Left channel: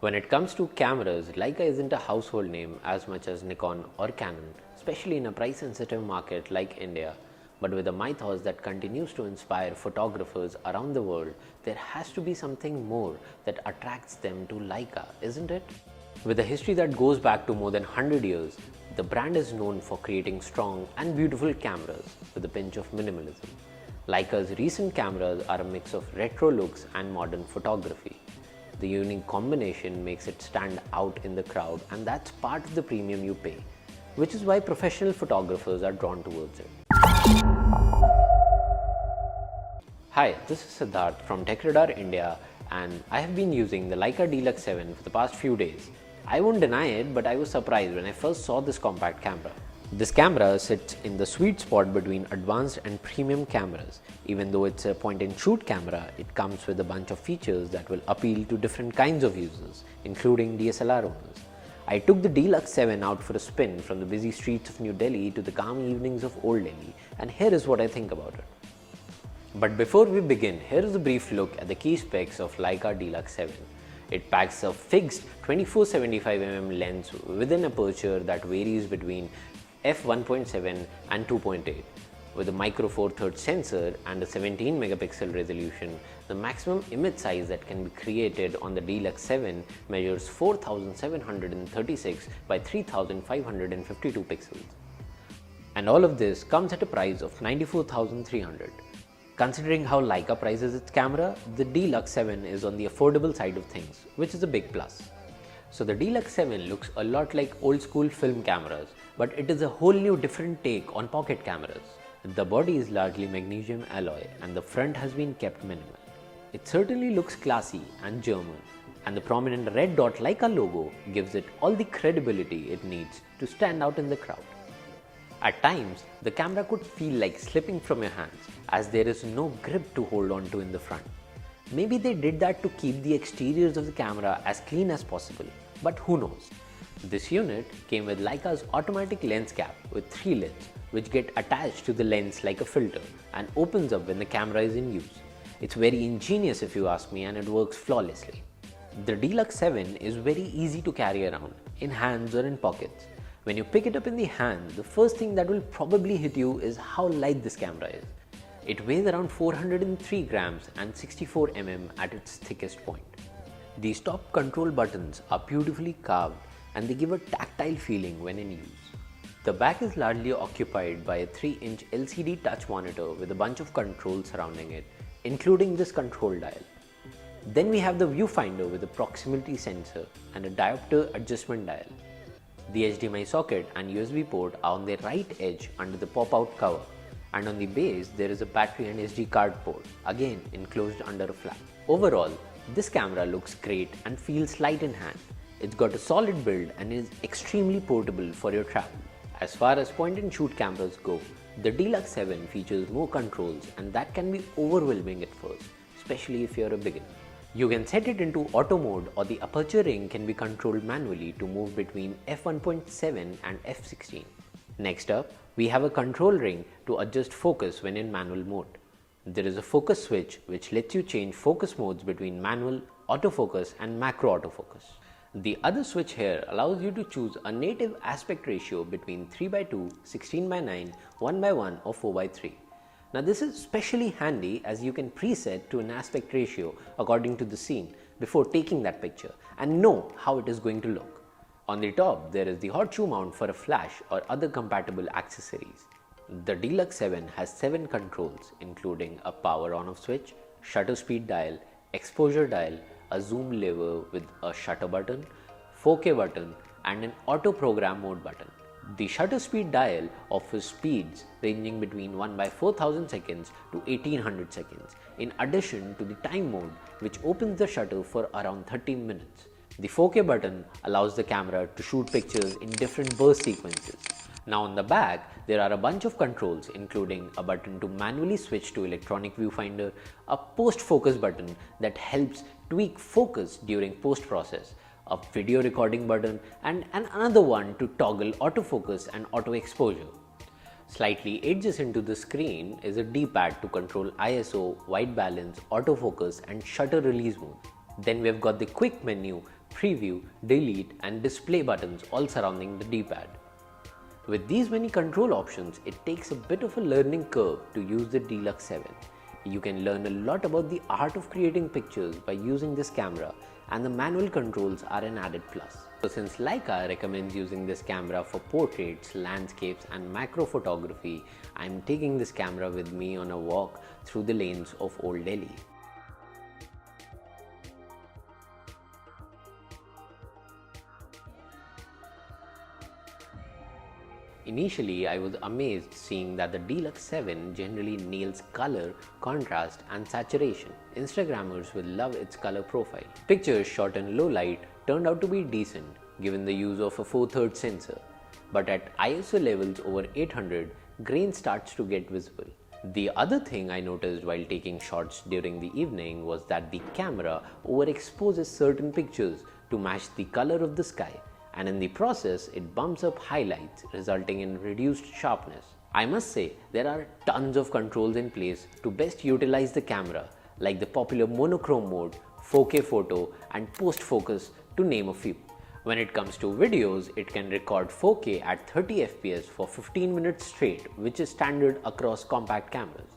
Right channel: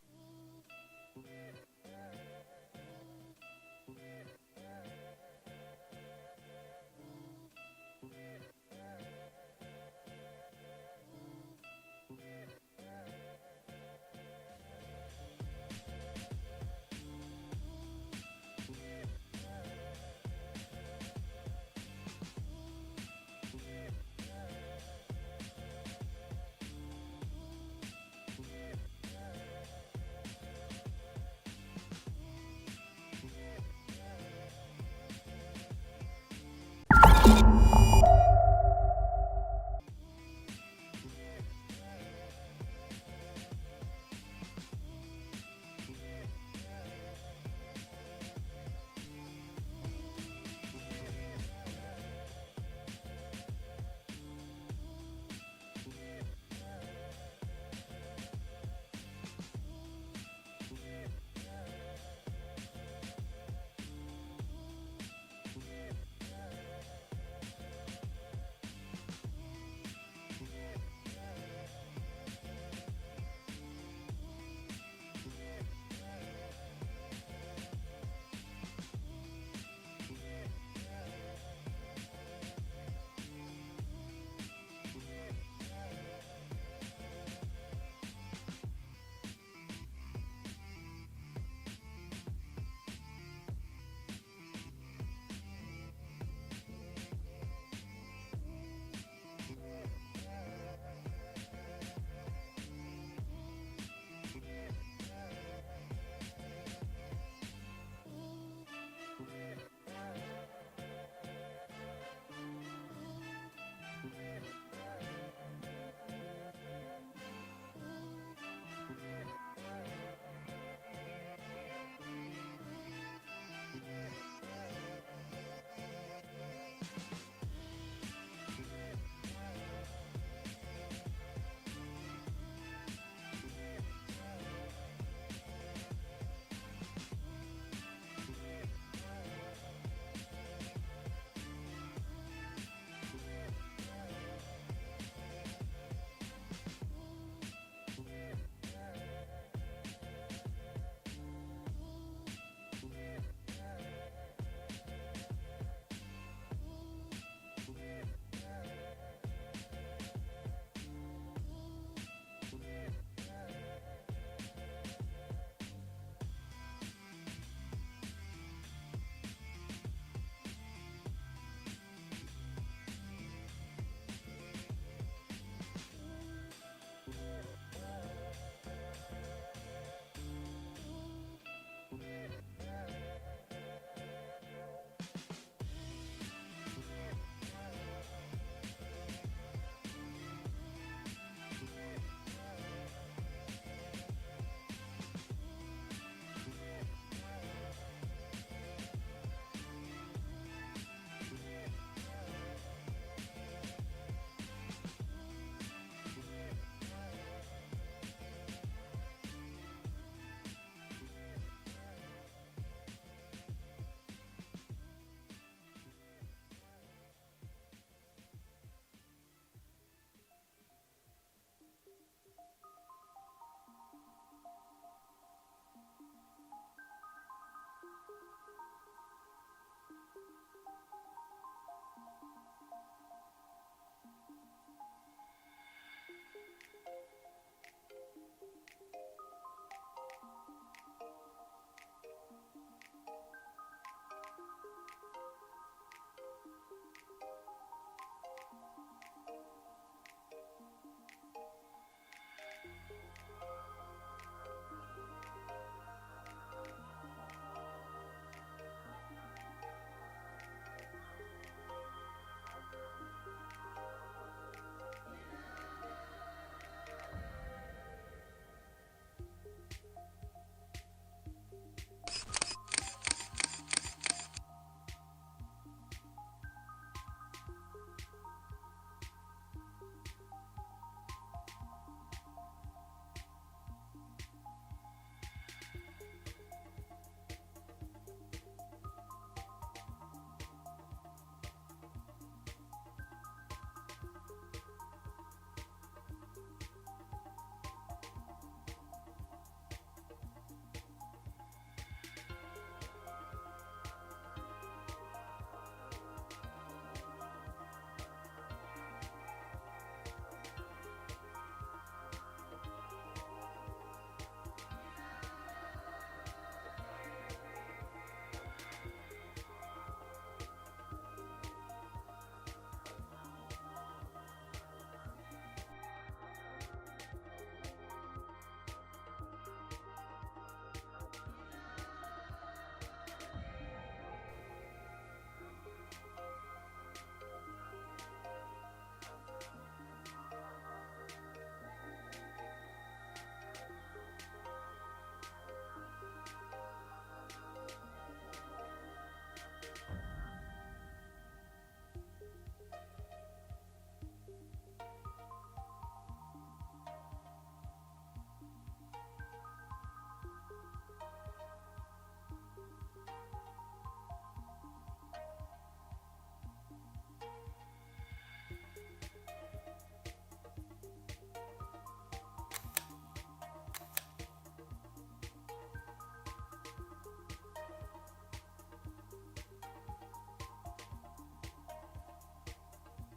When it comes to cameras, Leica isn't a household name as much as Nikon or Canon, especially in a price-sensitive market like India. But with a mythos that continues to inspire photographers around the world, there has to be something more that attracts them to Leica, isn't it? With a history that goes back to more than 100 years, the brand is known for creating strong and beautiful cameras with a pinch of minimalism. Leica's recent cameras are a mix of retro looks and modern photography. The unique combination makes it stand out in the crowd, and that's part of the premium you pay, which is why professional photographers are drawn towards it. Hi, this is Siddharth from TechRadar India, and I have been using the Leica D-Lux 7 for the past few days. I won't deny it, but I was surprised when I first saw this compact camera. This camera sits in the sweet spot between advanced and premium cameras. Even though it's a point-and-shoot camera, it comes with a bunch of features that will appeal to different kinds of users, including DSLR owners. I took the D-Lux 7 out for a spin from the busy streets of New Delhi to the calm evenings of Old Delhi, and here is what I think about it. But before we begin, here is a brief look at the key specs of Leica D-Lux 7. It packs a fixed 24-75mm lens with an aperture that varies between f1.7 and 2.8. With a micro four thirds sensor and a 17 megapixel resolution, the maximum image size that can be created on the D-Lux 7 measures 4736 by 3552 pixels. And all of this comes at a price of 94,300. Considering how Leica prices its camera, the D-Lux 7 is on the affordable side of things, which is a big plus. So the D-Lux 7 looks a lot like old school film cameras, but it is a whole new different take on pocket cameras. The body is largely magnesium alloy and the front has been kept minimal. It certainly looks classy and German, and the prominent red dot Leica logo gives it all the credibility it needs to stand out in the crowd. At times, the camera could feel like slipping from your hands as there is no grip to hold on to in the front. Maybe they did that to keep the exteriors of the camera as clean as possible, but who knows. This unit came with Leica's automatic lens cap with 3 lids, which get attached to the lens like a filter and opens up when the camera is in use. It's very ingenious if you ask me, and it works flawlessly. The D-Lux 7 is very easy to carry around, in hands or in pockets. When you pick it up in the hand, the first thing that will probably hit you is how light this camera is. It weighs around 403 grams and 64 mm at its thickest point. These top control buttons are beautifully carved and they give a tactile feeling when in use. The back is largely occupied by a 3-inch LCD touch monitor with a bunch of controls surrounding it, including this control dial. Then we have the viewfinder with a proximity sensor and a diopter adjustment dial. The HDMI socket and USB port are on the right edge under the pop-out cover, and on the base there is a battery and SD card port, again enclosed under a flap. Overall, this camera looks great and feels light in hand. It's got a solid build and is extremely portable for your travel. As far as point-and-shoot cameras go, the D-Lux 7 features more controls, and that can be overwhelming at first, especially if you're a beginner. You can set it into auto mode, or the aperture ring can be controlled manually to move between f1.7 and f16. Next up, we have a control ring to adjust focus when in manual mode. There is a focus switch which lets you change focus modes between manual, autofocus and macro autofocus. The other switch here allows you to choose a native aspect ratio between 3:2, 16:9, 1:1 or 4:3. Now this is especially handy as you can preset to an aspect ratio according to the scene before taking that picture and know how it is going to look. On the top, there is the horseshoe mount for a flash or other compatible accessories. The D-Lux 7 has 7 controls, including a power on-off switch, shutter speed dial, exposure dial, a zoom lever with a shutter button, 4K button and an auto program mode button. The shutter speed dial offers speeds ranging between 1/4000 seconds to 1800 seconds, in addition to the time mode which opens the shutter for around 30 minutes. The 4K button allows the camera to shoot pictures in different burst sequences. Now on the back, there are a bunch of controls, including a button to manually switch to electronic viewfinder, a post focus button that helps tweak focus during post process, a video recording button and another one to toggle autofocus and auto exposure. Slightly adjacent to the screen is a D-pad to control ISO, white balance, autofocus and shutter release mode. Then we've got the quick menu preview, delete and display buttons all surrounding the D-pad. With these many control options, it takes a bit of a learning curve to use the D-Lux 7. You can learn a lot about the art of creating pictures by using this camera, and the manual controls are an added plus. So since Leica recommends using this camera for portraits, landscapes and macro photography, I'm taking this camera with me on a walk through the lanes of Old Delhi. Initially, I was amazed seeing that the D-Lux 7 generally nails color, contrast and saturation. Instagrammers will love its color profile. Pictures shot in low light turned out to be decent given the use of a 4/3 sensor. But at ISO levels over 800, grain starts to get visible. The other thing I noticed while taking shots during the evening was that the camera overexposes certain pictures to match the color of the sky, and in the process it bumps up highlights, resulting in reduced sharpness. I must say there are tons of controls in place to best utilize the camera, like the popular monochrome mode, 4K photo and post focus to name a few. When it comes to videos, it can record 4K at 30 fps for 15 minutes straight, which is standard across compact cameras.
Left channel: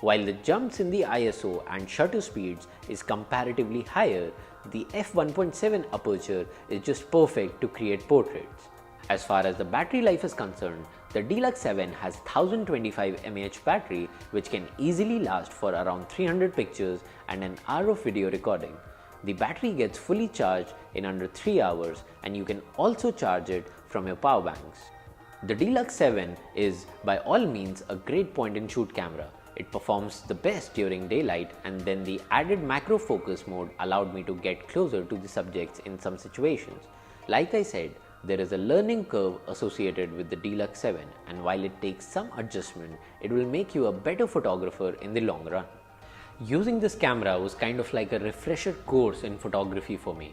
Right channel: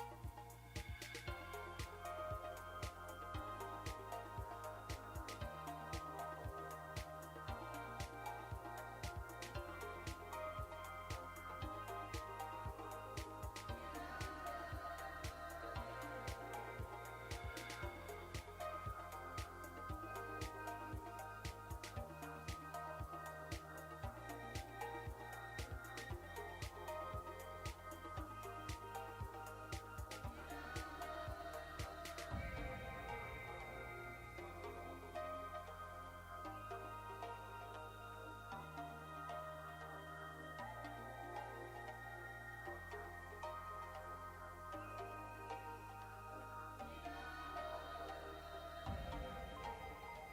While the jumps in the ISO and shutter speeds is comparatively higher, the f1.7 aperture is just perfect to create portraits. As far as the battery life is concerned, the D-Lux 7 has 1025 mAh battery, which can easily last for around 300 pictures and an hour of video recording. The battery gets fully charged in under 3 hours, and you can also charge it from your power banks. The D-Lux 7 is by all means a great point and shoot camera. It performs the best during daylight, and then the added macro focus mode allowed me to get closer to the subjects in some situations. Like I said, there is a learning curve associated with the D-Lux 7, and while it takes some adjustment, it will make you a better photographer in the long run. Using this camera was kind of like a refresher course in photography for me.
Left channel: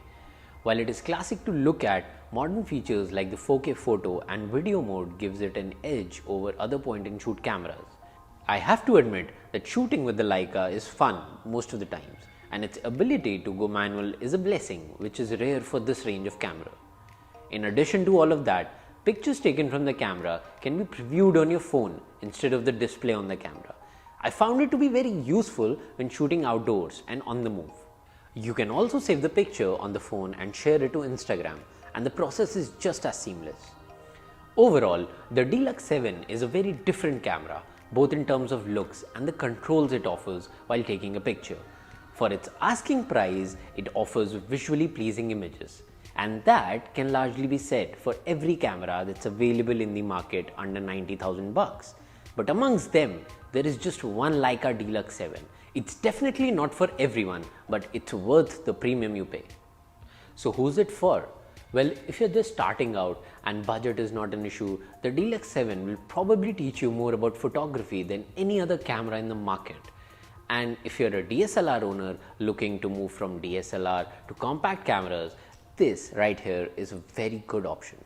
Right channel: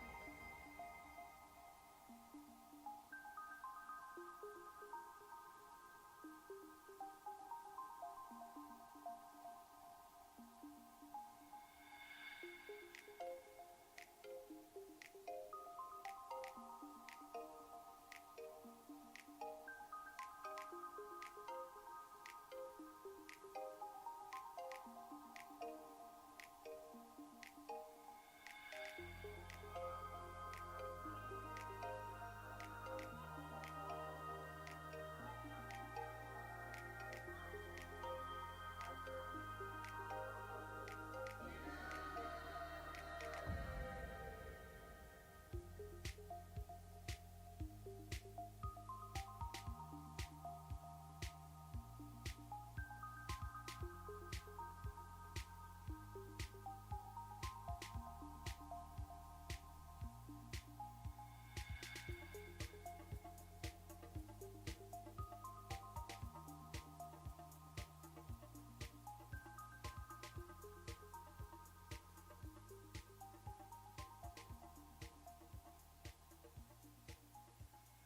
While it is classic to look at, modern features like the 4K photo and video mode gives it an edge over other point and shoot cameras. I have to admit that shooting with the Leica is fun most of the times, and its ability to go manual is a blessing, which is rare for this range of camera. In addition to all of that, pictures taken from the camera can be previewed on your phone instead of the display on the camera. I found it to be very useful when shooting outdoors and on the move. You can also save the picture on the phone and share it to Instagram, and the process is just as seamless. Overall, the D-Lux 7 is a very different camera, both in terms of looks and the controls it offers while taking a picture. For its asking price, it offers visually pleasing images, and that can largely be said for every camera that's available in the market under 90,000 bucks. But amongst them, there is just one Leica D-Lux 7. It's definitely not for everyone, but it's worth the premium you pay. So who's it for? Well, if you're just starting out and budget is not an issue, the D-Lux 7 will probably teach you more about photography than any other camera in the market. And if you're a DSLR owner looking to move from DSLR to compact cameras, this right here is a very good option.